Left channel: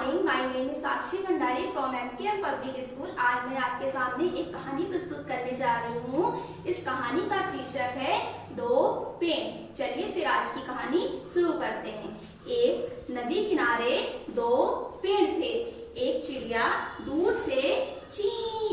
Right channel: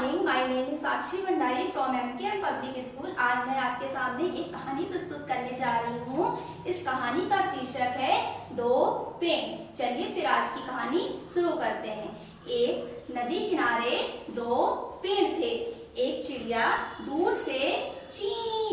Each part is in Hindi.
Morning, my name is Sakshi Bhandari from MKM public school. आज मैं आपके सामने एक कहानी प्रस्तुत करने जा रही हूँ। इस कहानी का शीर्षक है दो पेड़। चलिए फिर आज की कहानी शुरू करते हैं। एक नदी किनारे दो पेड़ थे। एक चिड़िया दूर से ची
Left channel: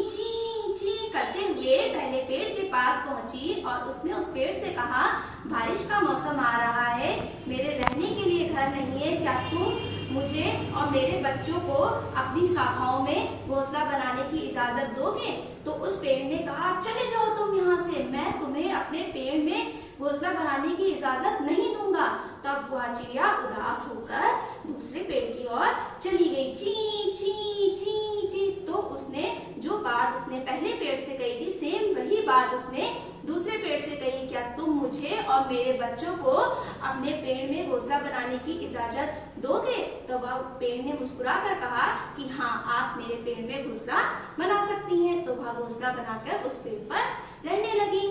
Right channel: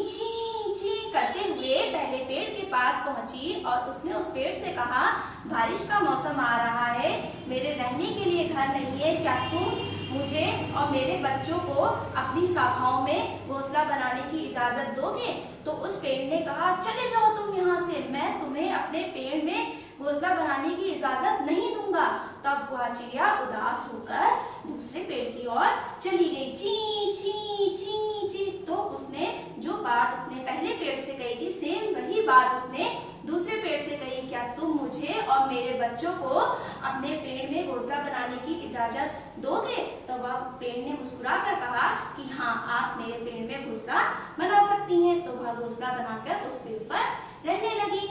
ची ची करते हुए पहले पेड़ के पास पहुंची और उसने उस पेड़ से कहा, बारिश का मौसम आ रहा है, मेरे रहने के लिए घर नहीं है, क्या तुम मुझे और मेरे बच्चों को अपनी शाखाओं में घोंसला बनाने की इजाजत दोगे? तो उस पेड़ ने कहा, चले जाओ तुम यहाँ से, मैं तुम्हें अपने पेड़ में घोंसला बनाने की इजाजत नहीं दूंगा। तब वह चिड़िया उदास होकर दूसरे पेड़ की ओर चली गई। ची ची ची ची। तो उसने जो बात उसने पहले पेड़ से कही थी, सेम वही बात उसने दूसरे पेड़ से कही, क्या तुम मुझे और मेरे बच्चों को अपने पेड़ में घोंसला बनाने की इजाजत दोगे? तो वह पेड़ ने मुस्कुरा कर कहा कि हाँ, आप मेरे पेड़ में घोंसला बना सकती हैं। तो वह घोंसला बनाकर उस पेड़ पर रहने लगी।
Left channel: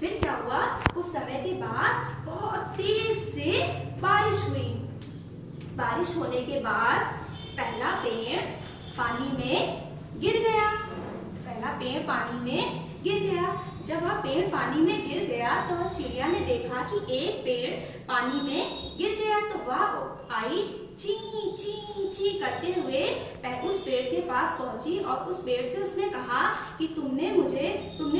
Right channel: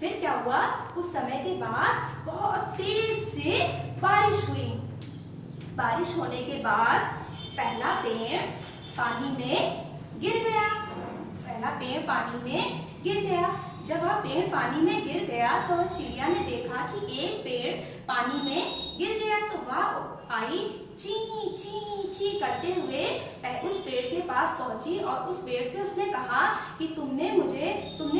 फिर क्या हुआ, कुछ समय के बाद बहुत तेज से बारिश हुई। बारिश होने के बाद पहला पेड़ पानी में गिर गया। पहला पेड़ पानी में गिर गया। जब वह पेड़ पानी में गिर गया तो वह चिड़िया ने देखा कि एक पेड़ पानी में गिर गया। तो वह आई ची ची ची करते हुए उस पेड़ के पास पहुंची और उस पेड़ से उसने कहा कि तुमने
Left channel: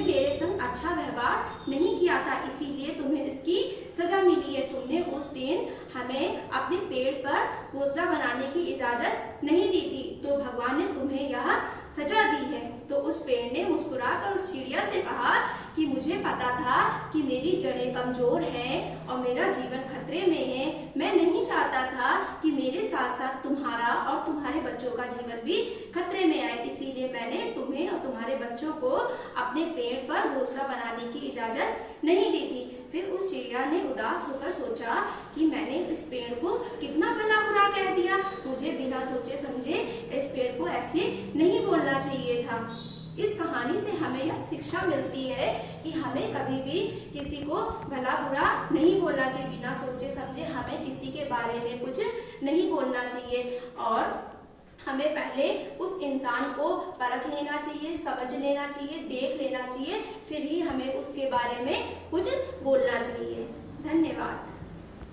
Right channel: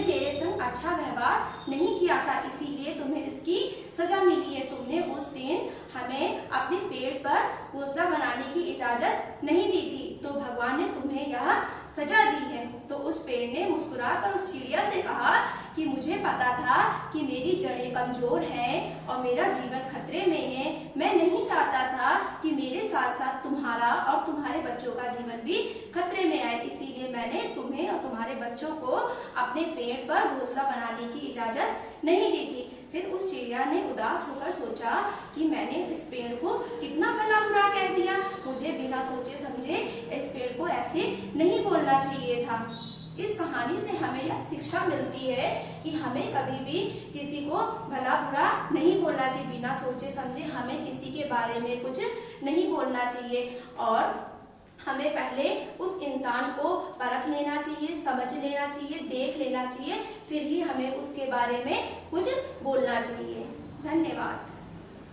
मेरे संग अच्छा व्यवहार नहीं किया था, इसीलिए तुम्हें इसकी सजा मिली है। तुमने उस दिन हमें अपने पेड़ पर घोंसला बनाने की इजाजत नहीं दी थी, तो भगवान ने तुम्हें यह सजा दी है। तो उस पेड़ ने मुस्कुराकर उस चिड़िया से कहा कि मुझे पता था कि मेरी जड़ें कमजोर हैं और मेरा जीवन खतरे में है। मैं नहीं चाहता था कि मेरे साथ साथ तुम्हारा और तुम्हारे बच्चों का जीवन भी खतरे में आए, इसीलिए मैंने तुम्हें और तुम्हारे बच्चों को अपने पेड़ पर घोंसला बनाने की इजाजत नहीं दी थी। फिर उस चिड़िया ने उदास होकर सोचा कि मैंने इस पेड़ को कितना भला बुरा कह दिया, मुझे बिना सोचे समझे इस पेड़ को ऐसे नहीं बोलना चाहिए था। इस कहानी से हमें यह शिक्षा मिलती है कि हमें कभी भी किसी को भला बुरा नहीं बोलना चाहिए। बिना सोचे समझे हमें किसी के बारे में कुछ नहीं बोलना चाहिए और हमें पहले उस इंसान को परख लेना चाहिए, समझ लेना चाहिए, देख लेना चाहिए, फिर ही हमें उसके बारे में कुछ बोलना चाहिए। धन्यवाद।